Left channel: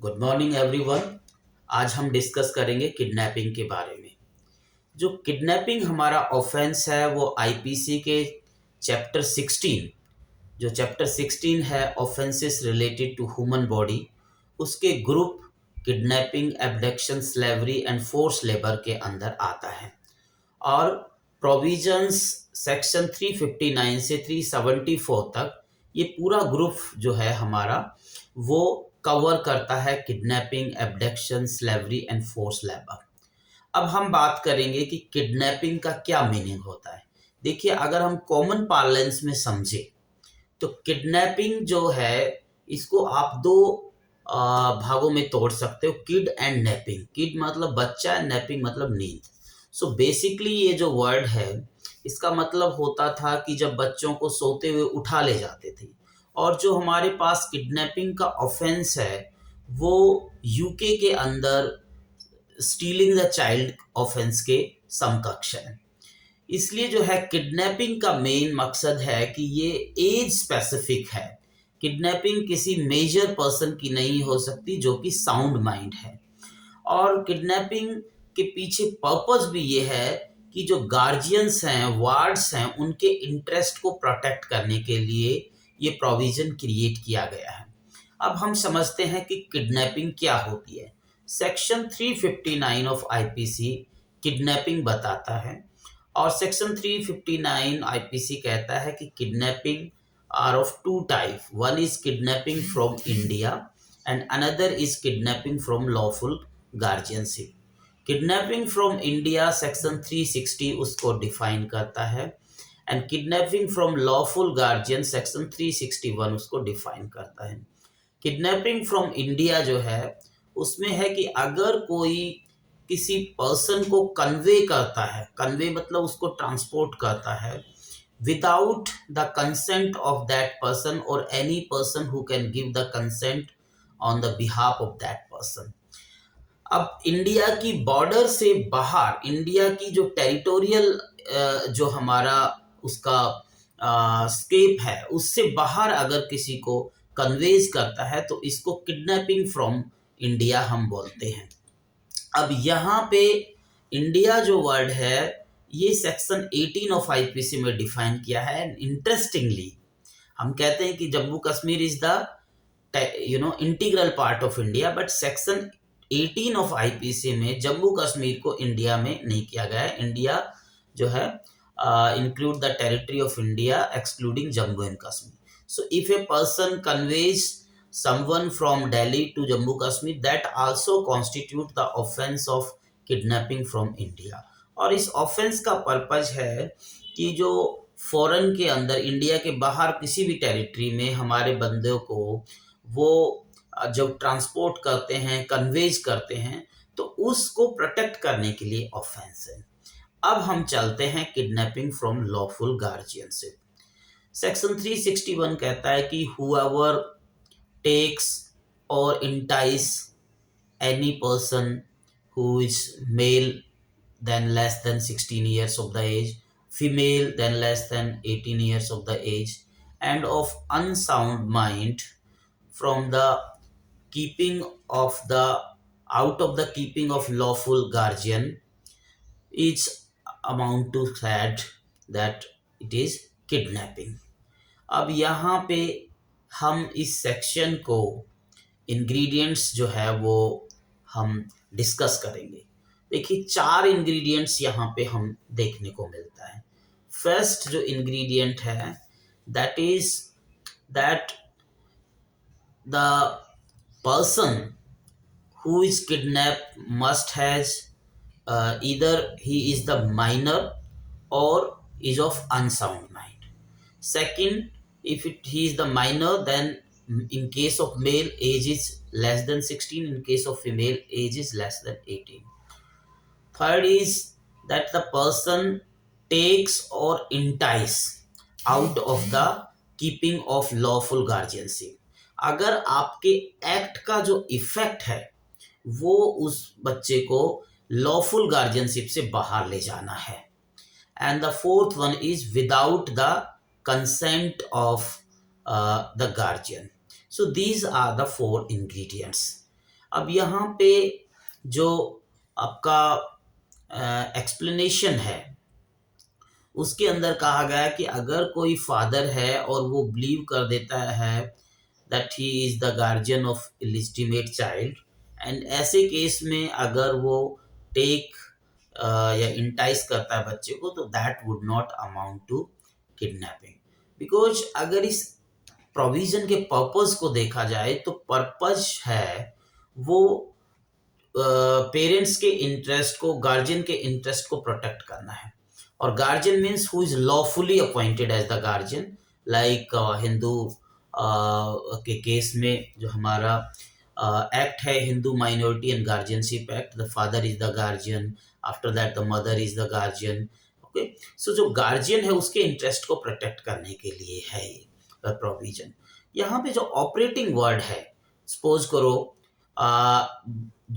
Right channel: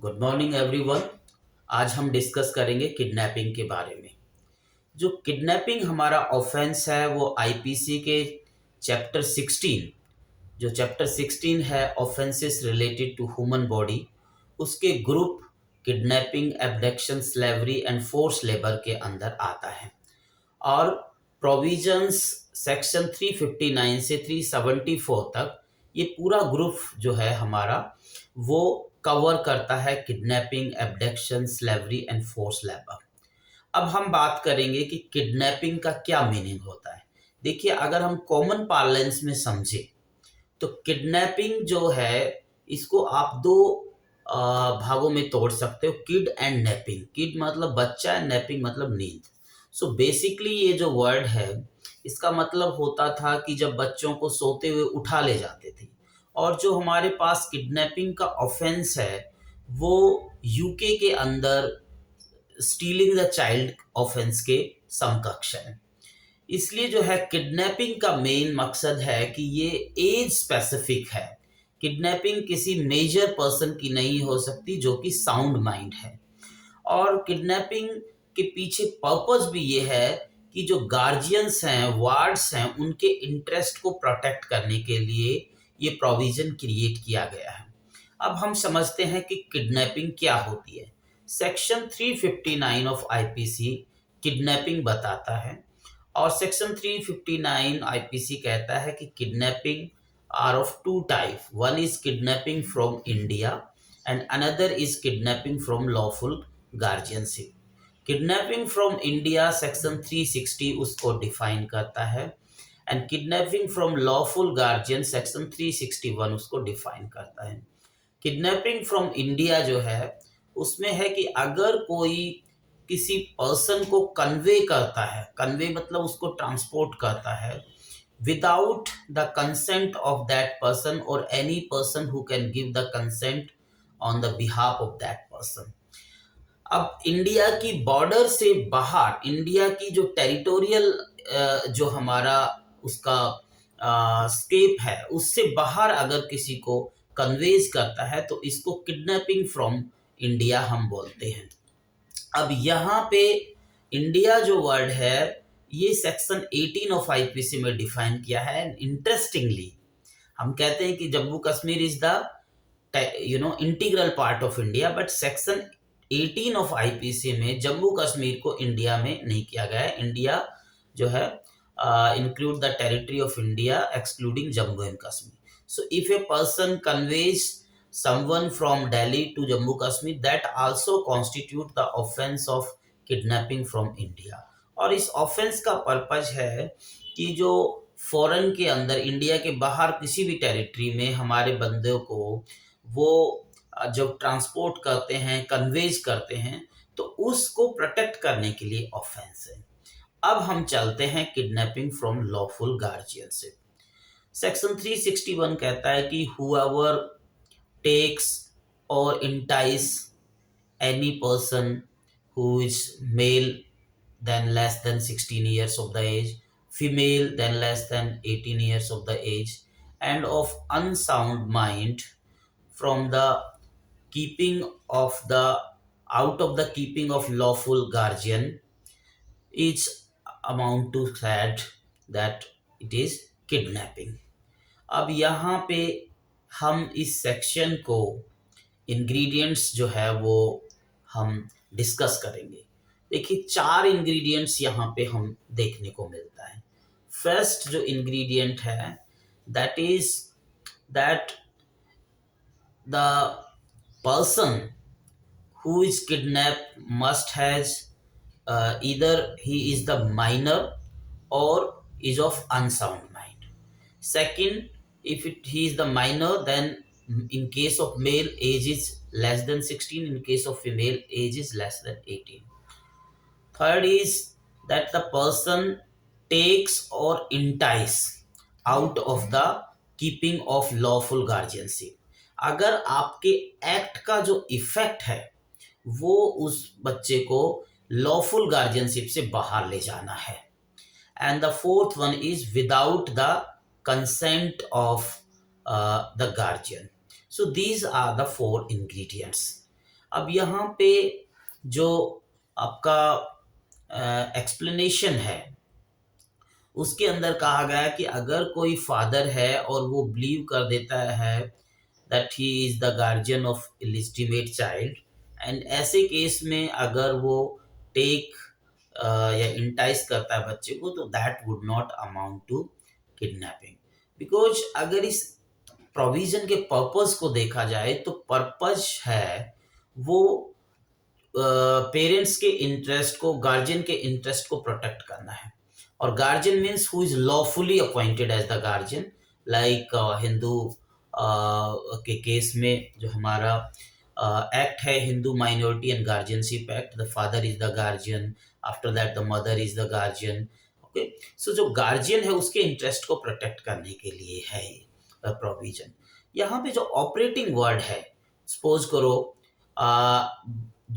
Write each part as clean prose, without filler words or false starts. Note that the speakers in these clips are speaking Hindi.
Good morning everyone. आज हम डिस्कस करेंगे किडनैपिंग के बारे में। जो किडनैपिंग हमारा ऑफेंस है वो आईपीसी के चैप्टर 16, जो चैप्टर 16 है offences related to human body, उसके group kidnapping, abduction, slavery and force labour के अंदर आता है। और प्रोविजंस सेक्शन 359 से 374 तक ये पूरा ग्रुप जो है हमारा वो कवर करता है kidnapping, abduction, slavery and force labour. अब हम बात करेंगे कि किडनैपिंग का क्या मीनिंग होता है। देखिए, अगर हम कॉमन पार्लेंस में समझे तो किडनैपिंग जो है इसको आप दो भागों में तोड़ सकते हो, किड एंड नैपिंग। किड मतलब बच्चा, नैपिंग मतलब नींद। सो बेसिकली ये जो वर्ड है इसका मतलब होता था कि जब बच्चों को सोते हुए उठा ले जाते थे। और जो हमारे पास किडनैपिंग का ऑफेंस है वो यूके के अंदर स्टीलिंग द चाइल्ड ऑफेंस के समकक्ष है। इसलिए जो है किडनैपिंग का मेन मकसद है कि ये एज स्पेसिफिक है। किडनैपिंग किसी मेजर पर्सन की नहीं हो सकती जो कि साउंड माइंड है। और किडनैपिंग के पीछे पर्पस भी ये है कि जो गार्जियंस हैं, वार्ड्स हैं, उनके इंटरेस्ट को प्रोटेक्ट करने के लिए ये प्रोविजन क्रिएट किया गया है। अब हम समझते हैं कि किडनैपिंग क्या होती है। सेक्शन 359 ऑफ आईपीसी किडनैपिंग बताता है। और सेक्शन 359 आईपीसी कहता है कि kidnapping are of two type. One is kidnapping from India and another is kidnapping from lawful guardianship. Kidnapping from India section 360 उसको डिफाइन करता है and kidnapping from lawful guardian section 361 उसको डिफाइन करता है। किडनैपिंग फ्रॉम इंडिया जो है उसमें है कि अगर कोई किसी पर्सन को कन्वे करता है, कन्वे मतलब उसको ट्रांसपोर्ट करता है without the consent of that person और any person who can give the consent on the behalf of that person. अब इंडिया की बॉर्डर से बाहर, इंडिया की जो टेरिटोरियल जो हमारा उसका स्केप है उससे बाहर अगर किसी को कन्वेज करता है तो इसको किडनैपिंग फ्रॉम इंडिया हम बोलते हैं। अब यहाँ पे इंडिया जो वर्ड है ये सेक्शन 18 ऑफ आईपीसी में डिफाइन किया है। इंटरेस्टिंगली हम कहते हैं कि Jammu Kashmir is the integral part of India, but section 18 of IPC में जम्मू कश्मीर को इंडिया में नहीं किया गया है। इंडिया जो है include the territory of India excluding Jammu and Kashmir. So if a person conveys someone from Delhi to Jammu Kashmir, that also constitute the offense of kidnapping from India. और इस ऑफेंस का पर्पज है कि जो फॉरेन के अंदर, इंडिया के बाहर किसी भी टेरिटरी में हमारे बंदों को वो जब ट्रांसपोर्ट करते हैं, कन्वेज करते हैं, तो उसको प्रोटेक्ट करने के लिए ऑफेंस है। अब हम चलते हैं kidnapping from lawful guardianship. Section 361 कहता है कि हुएवर टेक्स और entice any person who is male than less than 16 years of the age, female then less than 18 years of the age, and of unsound mind from the keeping of the out of the keeping of lawful guardian is amount to that it is kidnapping। अब यहाँ पे हम इस सेक्शन को इंग्रेडिएंट्स जो है वो हम डिस्कस करेंगे। देखिए, 4 इंग्रेडिएंट्स यहाँ पे हम देखने को मिलता है। फर्स्ट जो इंग्रेडिएंट है that is that the person who is kidnapped must has either he is the minor or is of unsound mind. Second, if he is the minor, then in case of male age is less than 16, in case of female age is less than 18. Third is that the person takes or entice out of the keeping of lawful guardianship। अगर आपके एक्ट का जो इफेक्ट है वो उस बच्चे को लॉफुल गार्जियनशिप से बाहर ले जाना है। And the fourth one is without the consent of the guardian. So these are the 4 ingredients. अब यहाँ पे जो आपका एक्सप्लेनेशन है उसके अंदर कहा गया कि अगर कोई फादर है और वो बिलीव कर देता है that he is the guardian of illegitimate child, and ऐसे केस में अगर वो टेक या इंटाइस करता है बच्चे को, तो that would not amount to kidnapping. Because अगर इस प्रोविजन के पर्पस को देखा जाए तो पर्पस है वो पेरेंट्स के इंटरेस्ट को, गार्जियन के इंटरेस्ट को प्रोटेक्ट करना है। और guardian means who is lawfully appointed as the guardian, like Hindu के केस में जो हमारा एक्ट है Hindu minority and guardianship act, the father is the guardian, after that the mother is the guardian. Okay, so जो गार्जियन है उसके इंटरेस्ट को प्रोटेक्ट करने के लिए है प्रोविजन। यहाँ पे जो ऑपरेटिंग वर्ड है, सपोज करो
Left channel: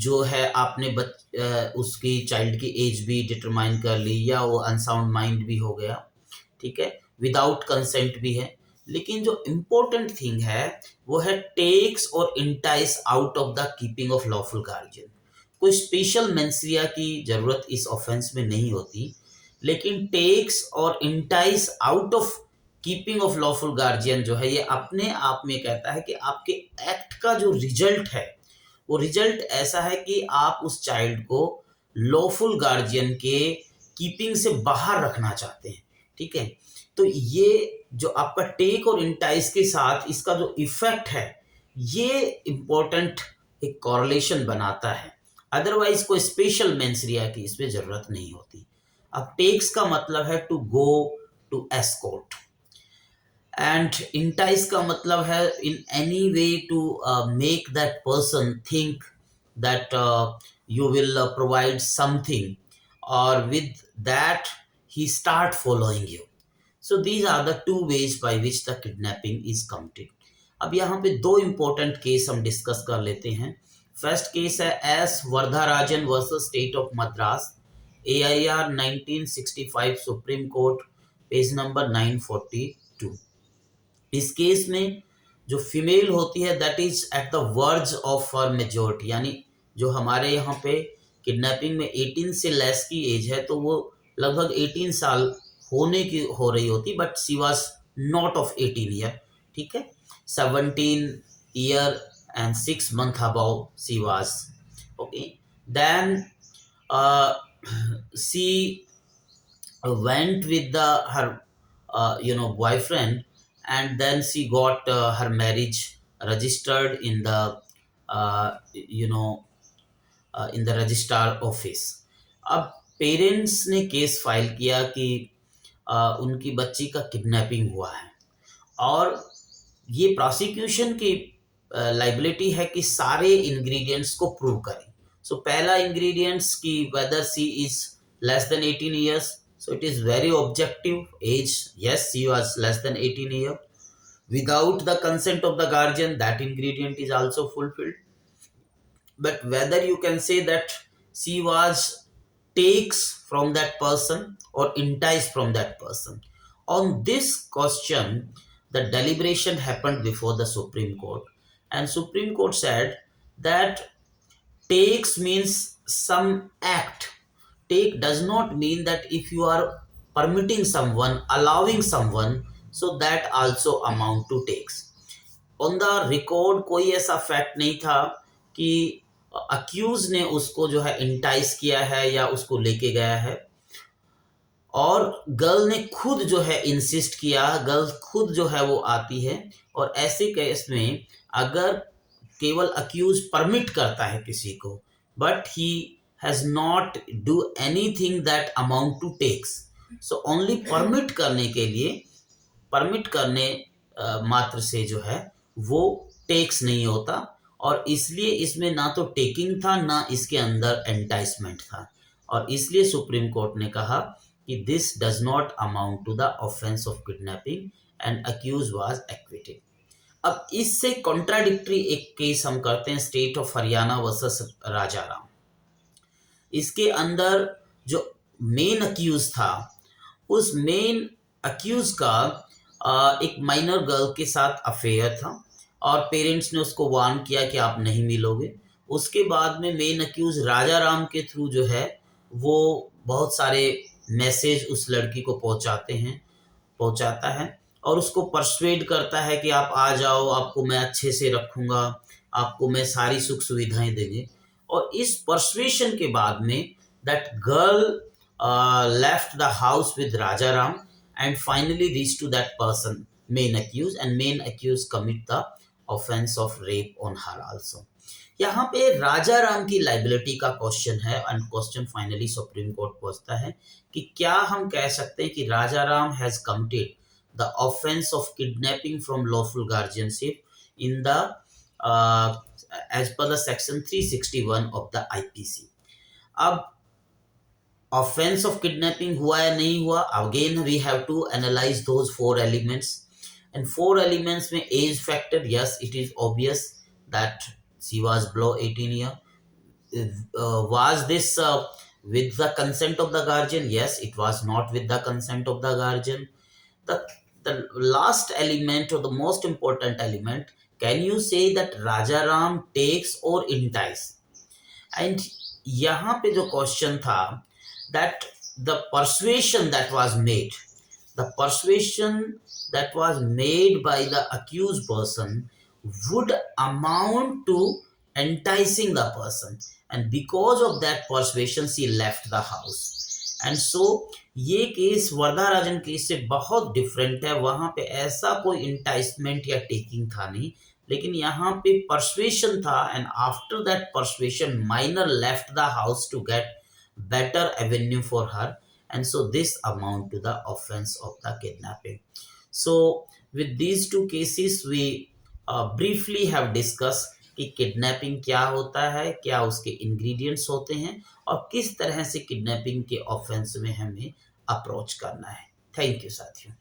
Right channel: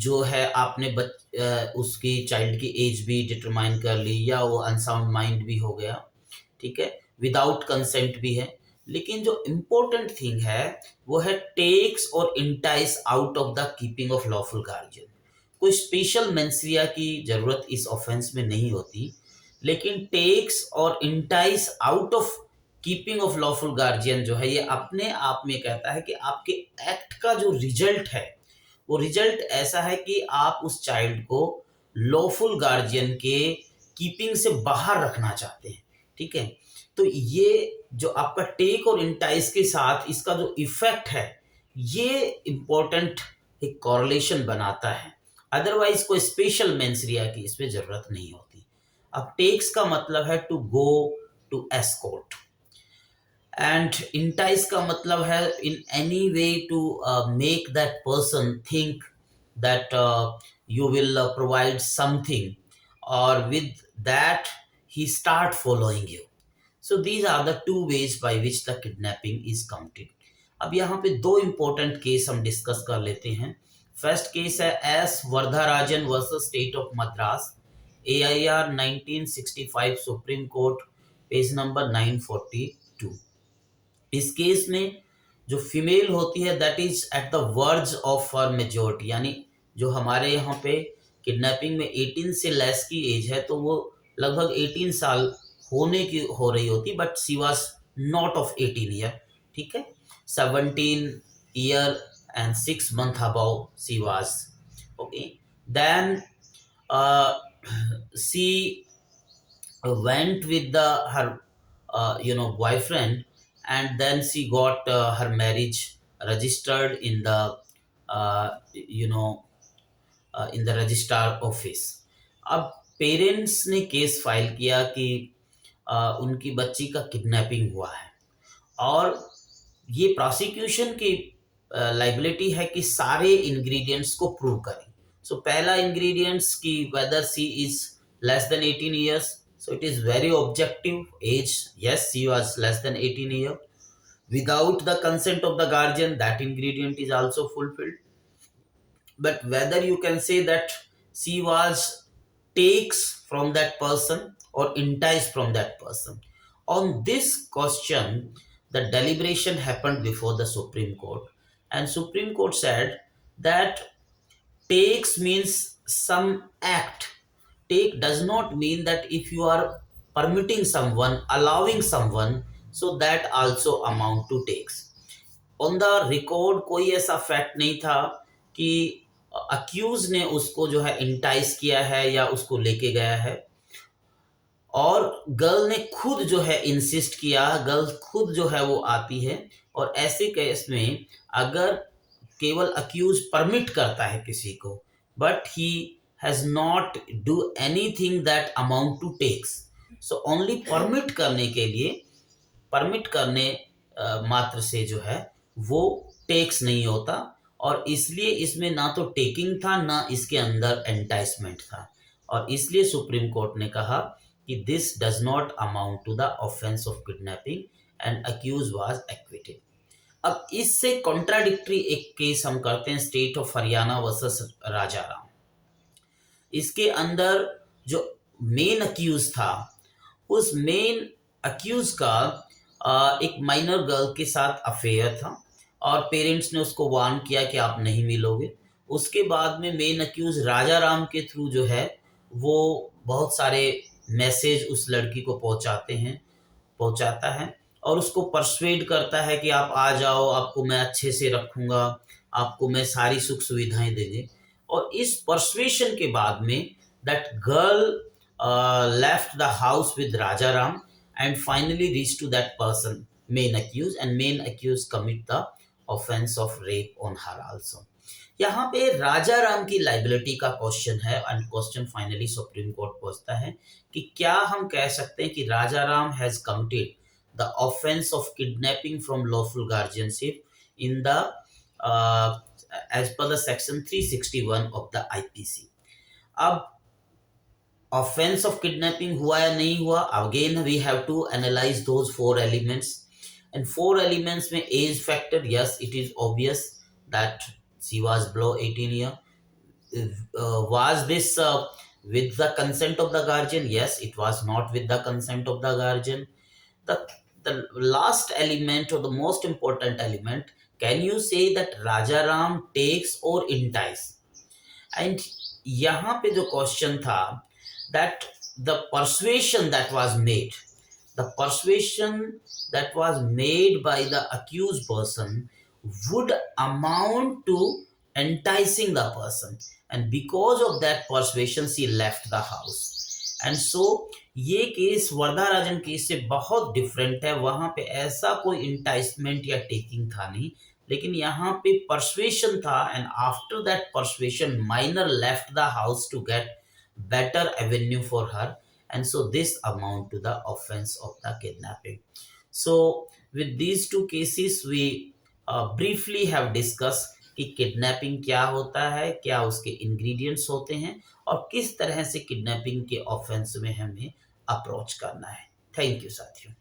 जो है आपने उसकी चाइल्ड की एज भी डिटरमाइन कर ली, या वो अनसाउंड माइंड भी हो गया, ठीक है, विदाउट कंसेंट भी है, लेकिन जो इम्पोर्टेंट थिंग है वो है टेक्स और entice out of the keeping of lawful guardian. कोई स्पेशल मेंसरिया की जरूरत इस ऑफेंस में नहीं होती, लेकिन टेक्स और entice out of keeping of lawful guardian जो है ये अपने आप में कहता है कि आपके एक्ट का जो रिजल्ट है वो रिजल्ट ऐसा है कि आप उस चाइल्ड को लॉफुल गार्जियन के कीपिंग से बाहर रखना चाहते हैं, ठीक है। तो ये जो आपका टेक और इंटाइस के साथ इसका जो इफेक्ट है ये इंपॉर्टेंट एक कॉरलेशन बनाता है, अदरवाइज कोई स्पेशल मेंसरिया की इसमें जरूरत नहीं होती। अब टेक्स का मतलब है to go, to escort, and entice का मतलब है in any way to make that person think that you will provide something, or with that he start following you. So these are the two ways by which the kidnapping is committed. अब यहाँ पे दो इंपॉर्टेंट केस हम डिस्कस कर लेते हैं। फर्स्ट केस है S Varadarajan versus state of Madras, AIR 1965, supreme court, page number 942। इस केस में जो फीमेल होती है that is at the verge of her majority, यानी जो हमारे यहाँ पे किडनैपिंग में 18 से लेस की एज है तो वो लगभग 18 साल होने की हो रही होती, but she was not of 18 year, ठीक है, 17 year and 6 months above she was, okay, then she went with her boyfriend, and then she got her marriage registered in the in the registrar office. अब पेरेंट्स ने केस फाइल किया कि उनकी बच्ची का किडनैपिंग हुआ है, और ये प्रोसिक्यूशन की लाइबिलिटी है कि सारे इंग्रेडिएंट्स को प्रूव करें। सो पहला इंग्रेडिएंट्स की weather C is less than 18 years, so it is very objective age, yes she was less than 18 year, without the consent of the guardian, that ingredient is also fulfilled. But whether you can say that she was takes from that person or enticed from that person, on this question the deliberation happened before the Supreme Court, and Supreme Court said that takes means some act. Take does not mean that if you are permitting someone, allowing someone, so that also amount to takes. On the record कोई ऐसा फैक्ट नहीं था कि अक्यूज ने उसको जो है इंटाइस किया है या उसको लेके गया है, और गर्ल ने खुद जो है इंसिस्ट किया, गर्ल खुद जो है वो आती है। और ऐसे केस में अगर केवल अक्यूज परमिट करता है किसी को, but he has not do anything that amount to takes, so only permit करने के लिए, परमिट करने मात्र से जो है वो टेक्स नहीं होता, और इसलिए इसमें ना तो टेकिंग था ना इसके अंदर एंटाइसमेंट था, और इसलिए सुप्रीम कोर्ट ने कहा कि this does not amount to the offence of kidnapping and accused was acquitted. अब इससे कॉन्ट्राडिक्टरी एक केस हम करते हैं, state of Haryana versus Rajaram. इसके अंदर जो मेन अक्यूज था, उस मेन अक्यूज का एक माइनर गर्ल के साथ अफेयर था, और पेरेंट्स ने उसको वार्न किया कि आप नहीं मिलोगे। उसके बाद में मेन अक्यूज राजा राम के थ्रू जो है वो बहुत सारे मैसेज उस लड़की को पहुंचाता है और उसको परsuade करता है कि आप आ जाओ, आपको मैं अच्छे से रखूंगा, आपको मैं सारी सुख सुविधाएं देंगे। और इस परsuasion के बाद में that girl left the house with Raja Ram and finally reach to that person main accused and main accused commit the offense of rape on her also। यहाँ पे राजा राम की लाइबिलिटी का क्वेश्चन है and question finally supreme court पहुंचता है कि क्या हम कह सकते हैं कि Raja Ram has committed the offence of kidnapping from lawful guardianship in the as per the section 361 of the IPC. अब ऑफेंस ऑफ किडनैपिंग हुआ या नहीं हुआ, again we have to analyze those 4 elements and 4 elements में age factor, yes it is obvious that she was below 18 year. Was this with the consent of the guardian? Yes, it was not with the consent of the guardian. The, the last element or the most important element, can you say that Raja Ram takes or entice? And यहाँ पे जो question था that the persuasion that was made by the accused person would amount to enticing the person, and because of that persuasion she left the house। and so ये केस वरदाराजन केस से बहुत डिफरेंट है। वहां पे ऐसा कोई इंटाइसमेंट या टेकिंग था नहीं, लेकिन यहाँ पे परसुएशन था and after that persuasion minor left the house to get better avenue for her, and so this amount to the offense of the kidnapping। so with these two cases we briefly have discussed कि किडनैपिंग क्या होता है, क्या उसके इंग्रेडिएंट्स होते हैं और किस तरह से किडनैपिंग के ऑफेंस में हमें अप्रोच करना है। थैंक यू साथियों।